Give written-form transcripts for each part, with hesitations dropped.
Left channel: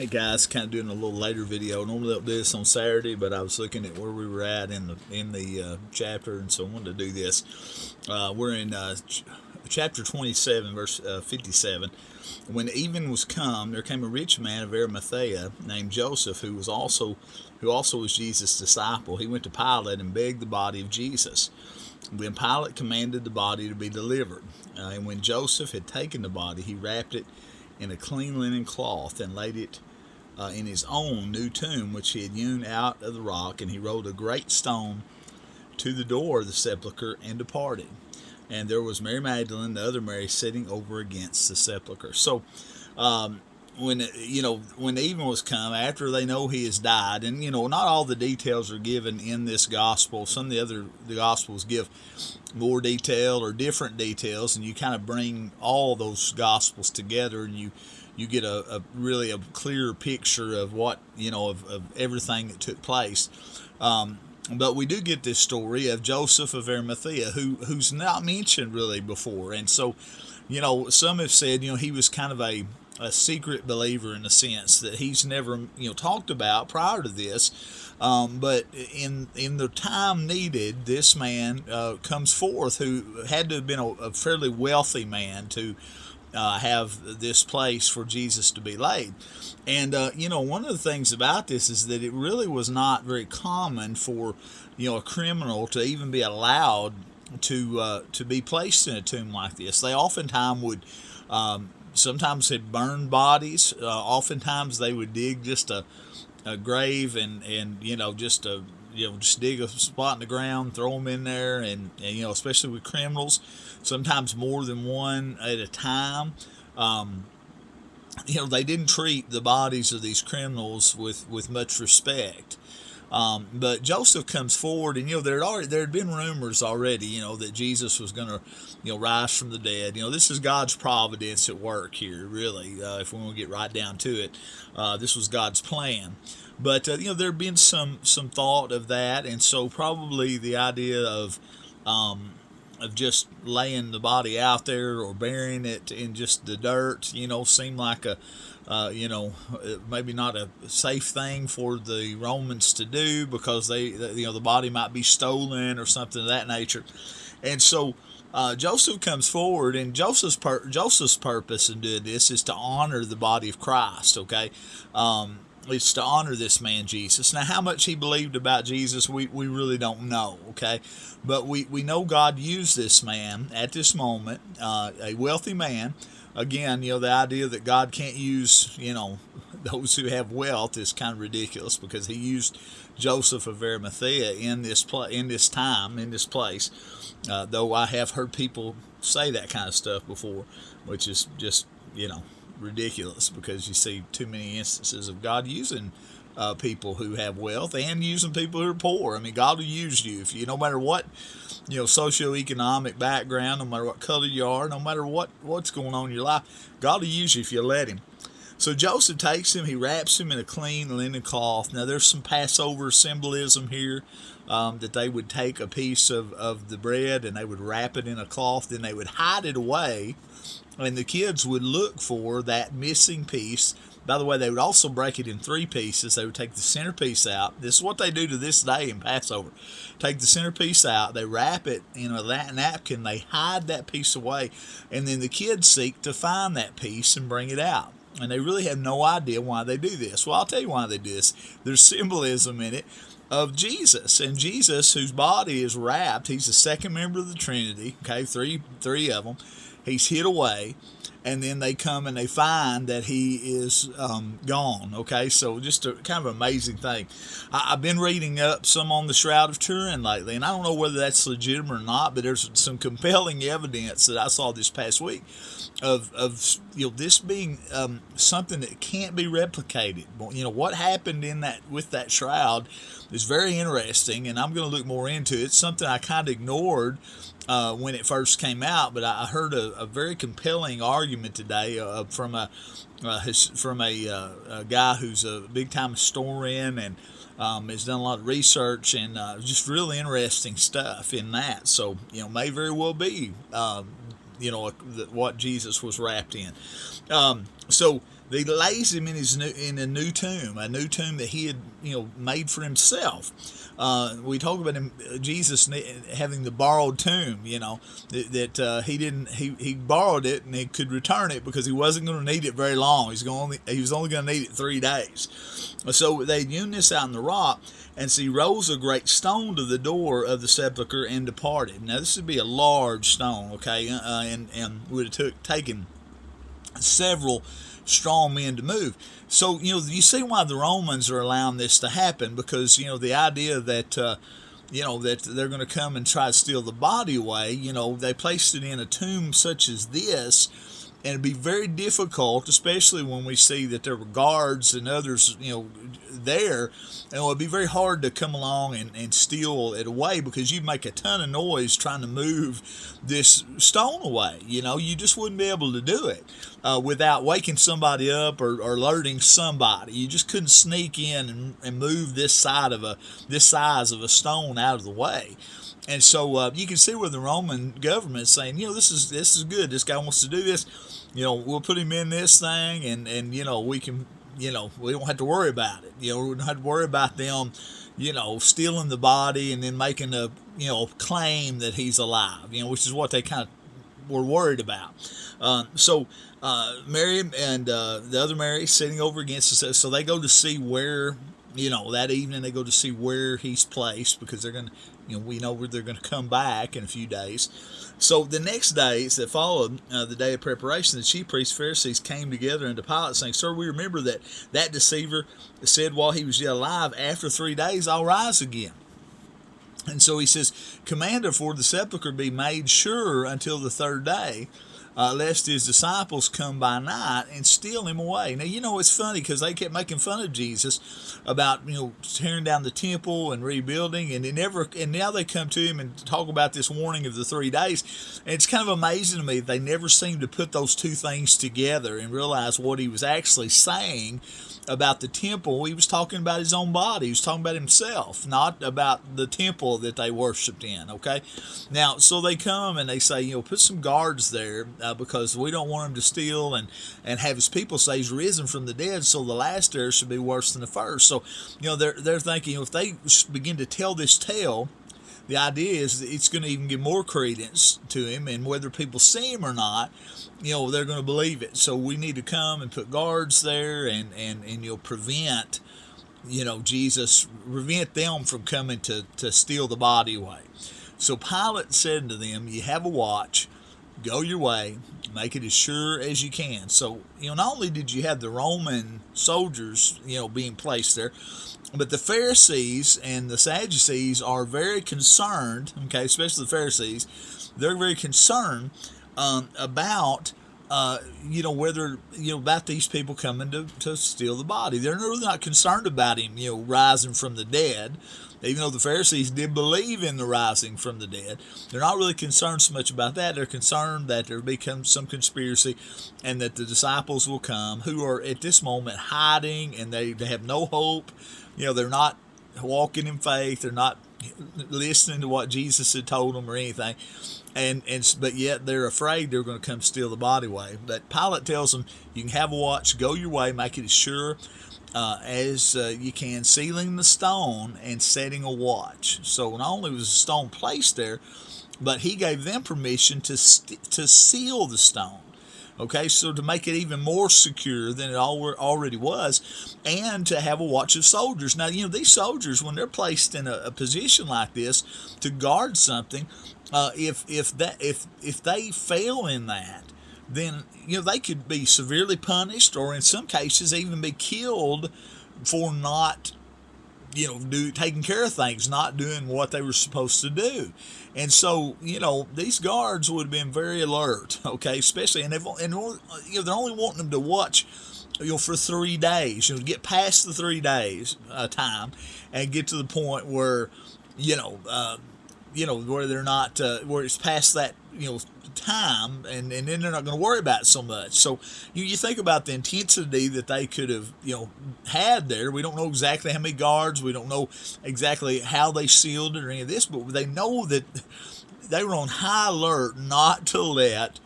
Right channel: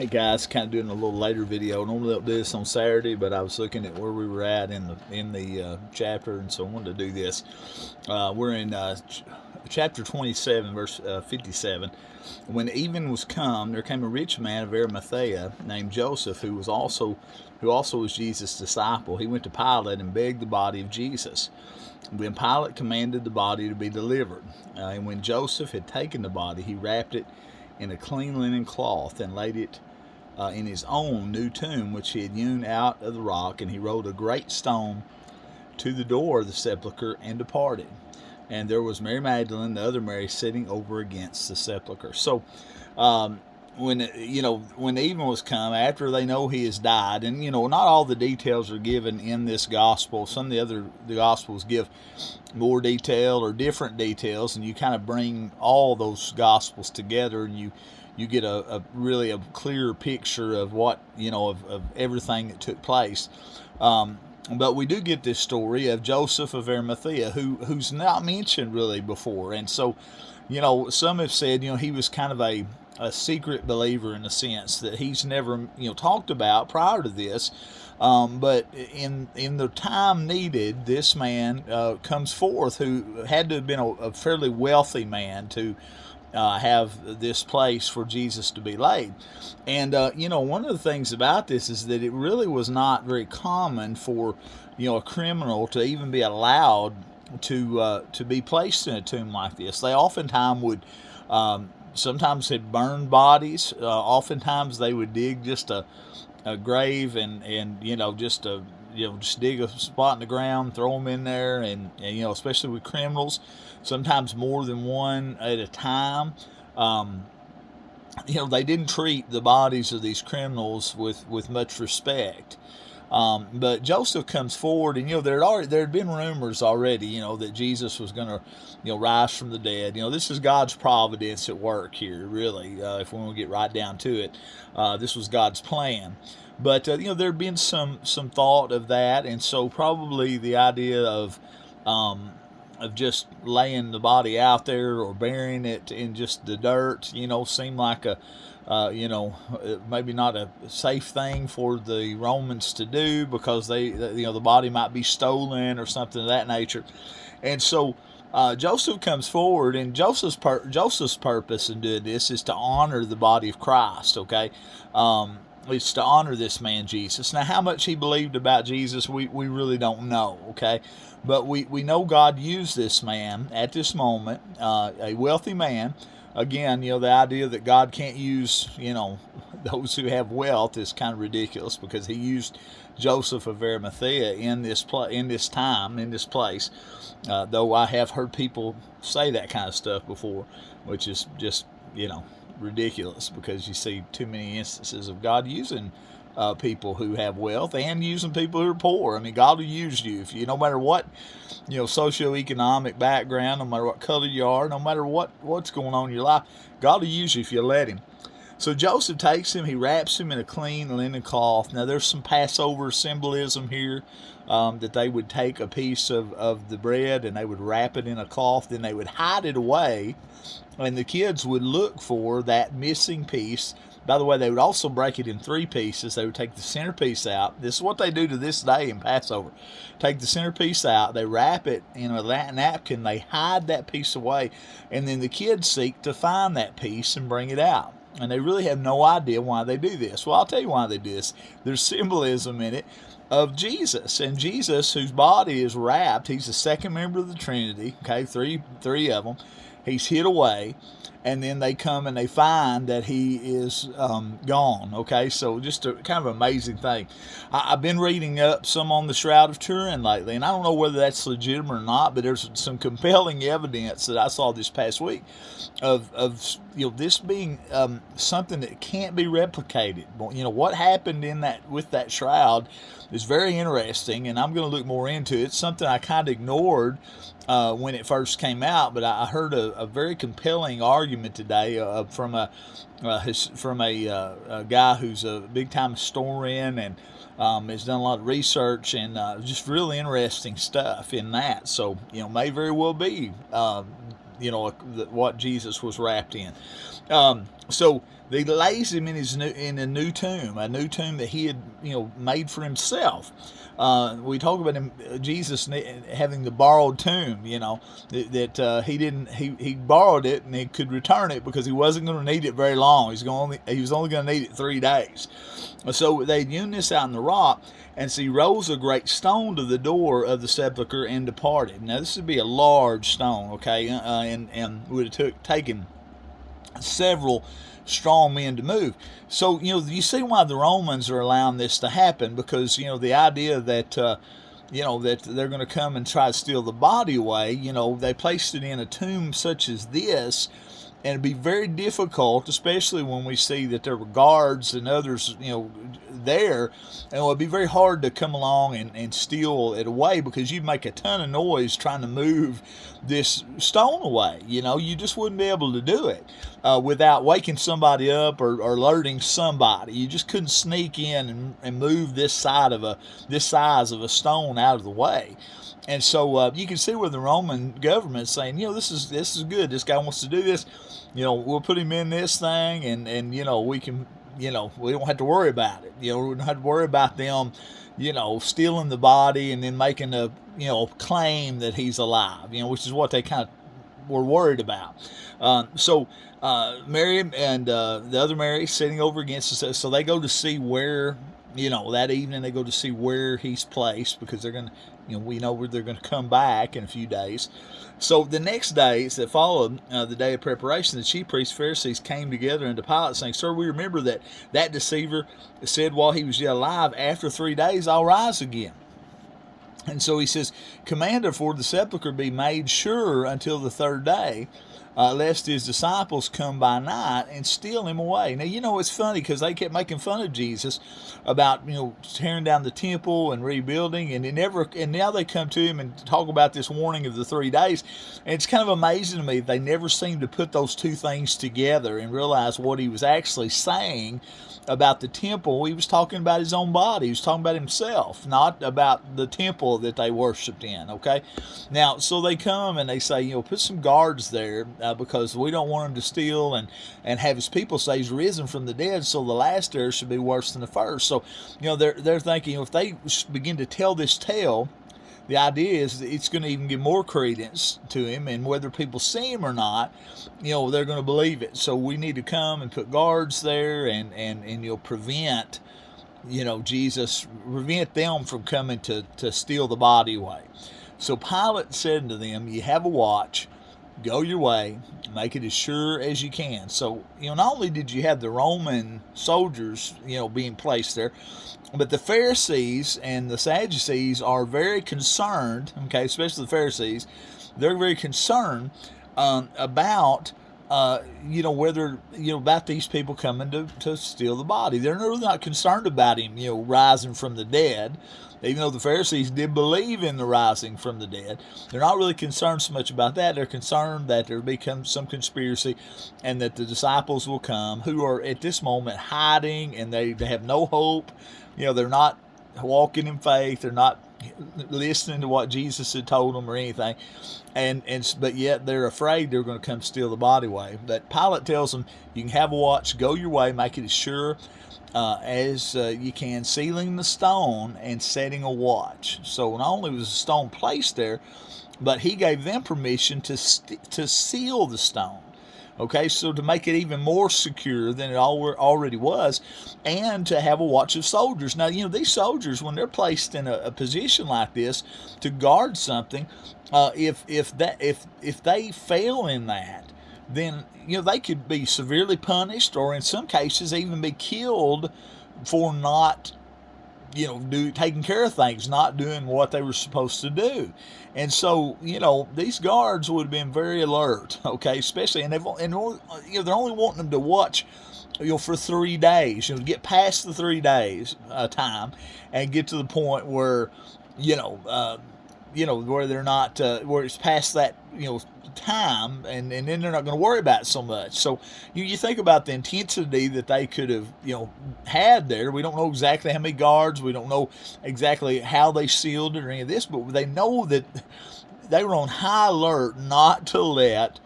Hey guys, kind of doing a little later video. Normally I'll do this on Saturday, but I was looking at where we were at in the chapter, and so I wanted to do this. We're in chapter 27, verse 57. When even was come, there came a rich man of Arimathea named Joseph, who also was Jesus' disciple. He went to Pilate and begged the body of Jesus. Then Pilate commanded the body to be delivered. And when Joseph had taken the body, he wrapped it in a clean linen cloth and laid it in his own new tomb, which he had hewn out of the rock. And he rolled a great stone to the door of the sepulchre and departed. And there was Mary Magdalene, the other Mary, sitting over against the sepulchre. So, when even was come, after they know he has died, and not all the details are given in this gospel. Some of the gospels give more detail or different details, and you kind of bring all those gospels together, and you get a really a clearer picture of what of everything that took place. But we do get this story of Joseph of Arimathea, who's not mentioned really before, and so some have said he was kind of a secret believer in a sense that he's never talked about prior to this. But in the time needed, this man comes forth who had to have been a fairly wealthy man to have this place for Jesus to be laid. And one of the things about this is that it really was not very common for a criminal to even be allowed to be placed in a tomb like this. They oftentimes would sometimes had burned bodies. Oftentimes they would dig just a grave and just dig a spot in the ground, throw them in there, and especially with criminals, sometimes more than one at a time. They didn't treat the bodies of these criminals with much respect. But Joseph comes forward, and there had been rumors already, that Jesus was going to, rise from the dead. This is God's providence at work here, really. If we want to get right down to it, this was God's plan. But there had been some thought of that, and so probably the idea of just laying the body out there or burying it in just the dirt, seemed like maybe not a safe thing for the Romans to do, because the body might be stolen or something of that nature. And so Joseph comes forward, and Joseph's purpose in doing this is to honor the body of Christ. Okay, it's to honor this man Jesus. Now, how much he believed about Jesus, we really don't know. Okay, but we know God used this man at this moment, a wealthy man. Again, the idea that God can't use, those who have wealth is kind of ridiculous, because he used Joseph of Arimathea in this time, in this place. Though I have heard people say that kind of stuff before, which is just, ridiculous, because you see too many instances of God using people who have wealth and using people who are poor. I mean, God will use you if no matter what socioeconomic background, no matter what color you are, no matter what's going on in your life, God will use you if you let him. So Joseph takes him, he wraps him in a clean linen cloth. Now there's some Passover symbolism here, that they would take a piece of the bread and they would wrap it in a cloth, then they would hide it away, and the kids would look for that missing piece. By the way, they would also break it in three pieces. They would take the centerpiece out. This is what they do to this day in Passover. Take the centerpiece out, they wrap it in a napkin, they hide that piece away, and then the kids seek to find that piece and bring it out. And they really have no idea why they do this. Well, I'll tell you why they do this. There's symbolism in it of Jesus. And Jesus, whose body is wrapped, he's the second member of the Trinity, okay, three of them. He's hid away, and then they come and they find that he is gone. Okay, so just a kind of amazing thing. I've been reading up some on the Shroud of Turin lately, and I don't know whether that's legitimate or not, but there's some compelling evidence that I saw this past week of this being something that can't be replicated. What happened with that shroud is very interesting, and I'm going to look more into it. It's something I kind of ignored when it first came out, but I heard a very compelling argument today from a guy who's a big time historian and has done a lot of research, and just really interesting stuff in that. So may very well be what Jesus was wrapped in. So They lays him in a new tomb, that he had made for himself. We talk about him, Jesus having the borrowed tomb. That he borrowed it and he could return it because he wasn't going to need it very long. He was only going to need it 3 days. So they'd hewn this out in the rock, and so he rolls a great stone to the door of the sepulchre and departed. Now this would be a large stone, okay, and would have taken several strong men to move. So you see why the Romans are allowing this to happen, because the idea that that they're going to come and try to steal the body away. They placed it in a tomb such as this, and it'd be very difficult, especially when we see that there were guards and others, there, and it would be very hard to come along and steal it away, because you'd make a ton of noise trying to move this stone away. You just wouldn't be able to do it without waking somebody up or alerting somebody. You just couldn't sneak in and move this size of a stone out of the way. And so you can see where the Roman government's saying, this is good. This guy wants to do this. We'll put him in this thing, and we can, we don't have to worry about it. We don't have to worry about them, stealing the body and then making a, claim that he's alive, which is what they kind of were worried about. So Mary and the other Mary sitting over against us, so they go to see where, that evening they go to see where he's placed, because they're going to, we know where they're going to come back in a few days. So the next days that followed, the day of preparation, the chief priests, Pharisees came together unto Pilate, saying, Sir, we remember that deceiver said while he was yet alive, after 3 days I'll rise again. And so he says, Command therefore the sepulchre be made sure until the 3rd day, lest his disciples come by night and steal him away. Now, it's funny, because they kept making fun of Jesus about, tearing down the temple and rebuilding, and now they come to him and talk about this warning of the 3 days. And it's kind of amazing to me that they never seem to put those two things together and realize what he was actually saying about the temple. He was talking about his own body. He was talking about himself, not about the temple that they worshiped in, okay? Now, so they come and they say, put some guards there because we don't want him to steal and have his people say he's risen from the dead, so the last there should be worse than the first. So, they're thinking if they begin to tell this tale, the idea is that it's going to even give more credence to him, and whether people see him or not, they're going to believe it. So we need to come and put guards there and prevent, prevent them from coming to steal the body away. So Pilate said to them, you have a watch, go your way, make it as sure as you can. So, not only did you have the Roman soldiers, being placed there, but the Pharisees and the Sadducees are very concerned, okay, especially the Pharisees, they're very concerned about, whether, about these people coming to steal the body. They're really not concerned about him, rising from the dead. Even though the Pharisees did believe in the rising from the dead, they're not really concerned so much about that. They're concerned that there becomes some conspiracy and that the disciples will come who are at this moment hiding, and they have no hope. They're not walking in faith. They're not listening to what Jesus had told them or anything. But yet they're afraid they're going to come steal the body away. But Pilate tells them, you can have a watch, go your way, make it as sure as you can, sealing the stone and setting a watch. So not only was the stone placed there, but he gave them permission to seal the stone. Okay, so to make it even more secure than it already was, and to have a watch of soldiers. Now, these soldiers, when they're placed in a position like this to guard something, if they fail in that, then they could be severely punished, or in some cases even be killed for not taking care of things, not doing what they were supposed to do. And so, these guards would have been very alert, okay, especially, and they're only wanting them to watch, for 3 days, get past the 3 days time, and get to the point where, where they're not, where it's past that, time, and then they're not going to worry about it so much. So you think about the intensity that they could have had there. We don't know exactly how many guards, we don't know exactly how they sealed it or any of this, but they know that they were on high alert not to let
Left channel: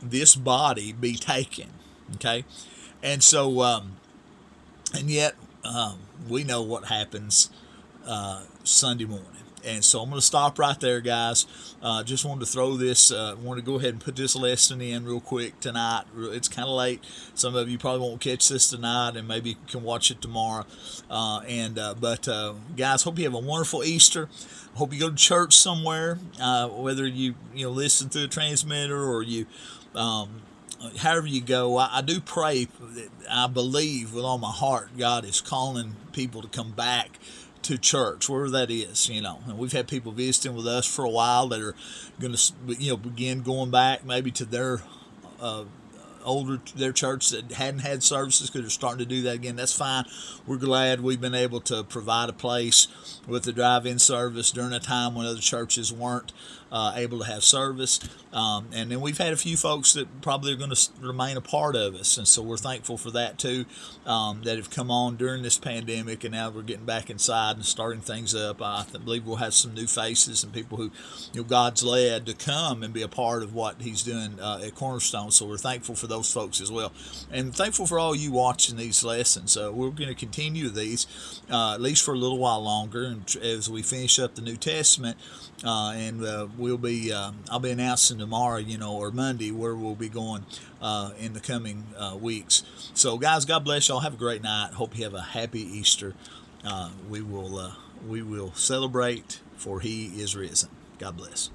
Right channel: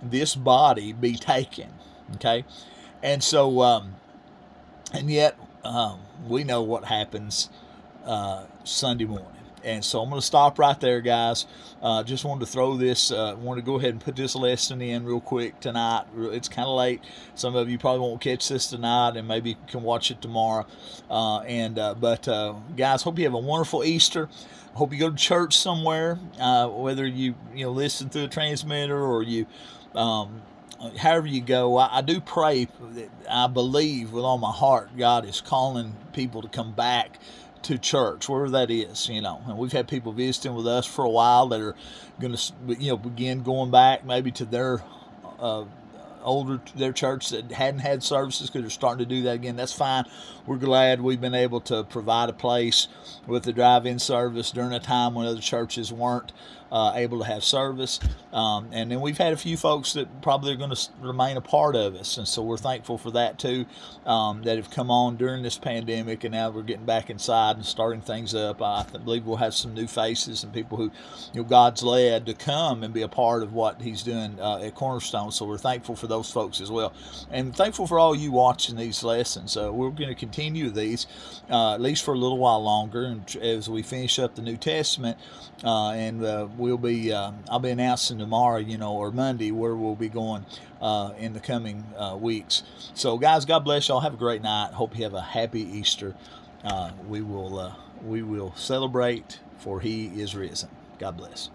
this body be taken. Okay, And so, and yet, we know what happens Sunday morning. And so I'm going to stop right there, guys. Just wanted to throw this, wanted to go ahead and put this lesson in real quick tonight. It's kind of late. Some of you probably won't catch this tonight, and maybe you can watch it tomorrow. But guys, hope you have a wonderful Easter. Hope you go to church somewhere, whether you listen through a transmitter or you however you go. I do pray that I believe with all my heart God is calling people to come back to church, wherever that is, And we've had people visiting with us for a while that are going to, begin going back maybe to their their church that hadn't had services because they're starting to do that again. That's fine. We're glad we've been able to provide a place with the drive-in service during a time when other churches weren't able to have service. And then we've had a few folks that probably are going to remain a part of us. And so we're thankful for that too, that have come on during this pandemic. And now we're getting back inside and starting things up. I believe we'll have some new faces and people who God's led to come and be a part of what he's doing at Cornerstone. So we're thankful for those folks as well. And thankful for all you watching these lessons. We're going to continue these at least for a little while longer, and as we finish up the New Testament, and we'll be I'll be announcing tomorrow, or Monday, where we'll be going in the coming weeks. So guys, God bless y'all. Have a great night. Hope you have a happy Easter. We will celebrate, for he is risen. God bless.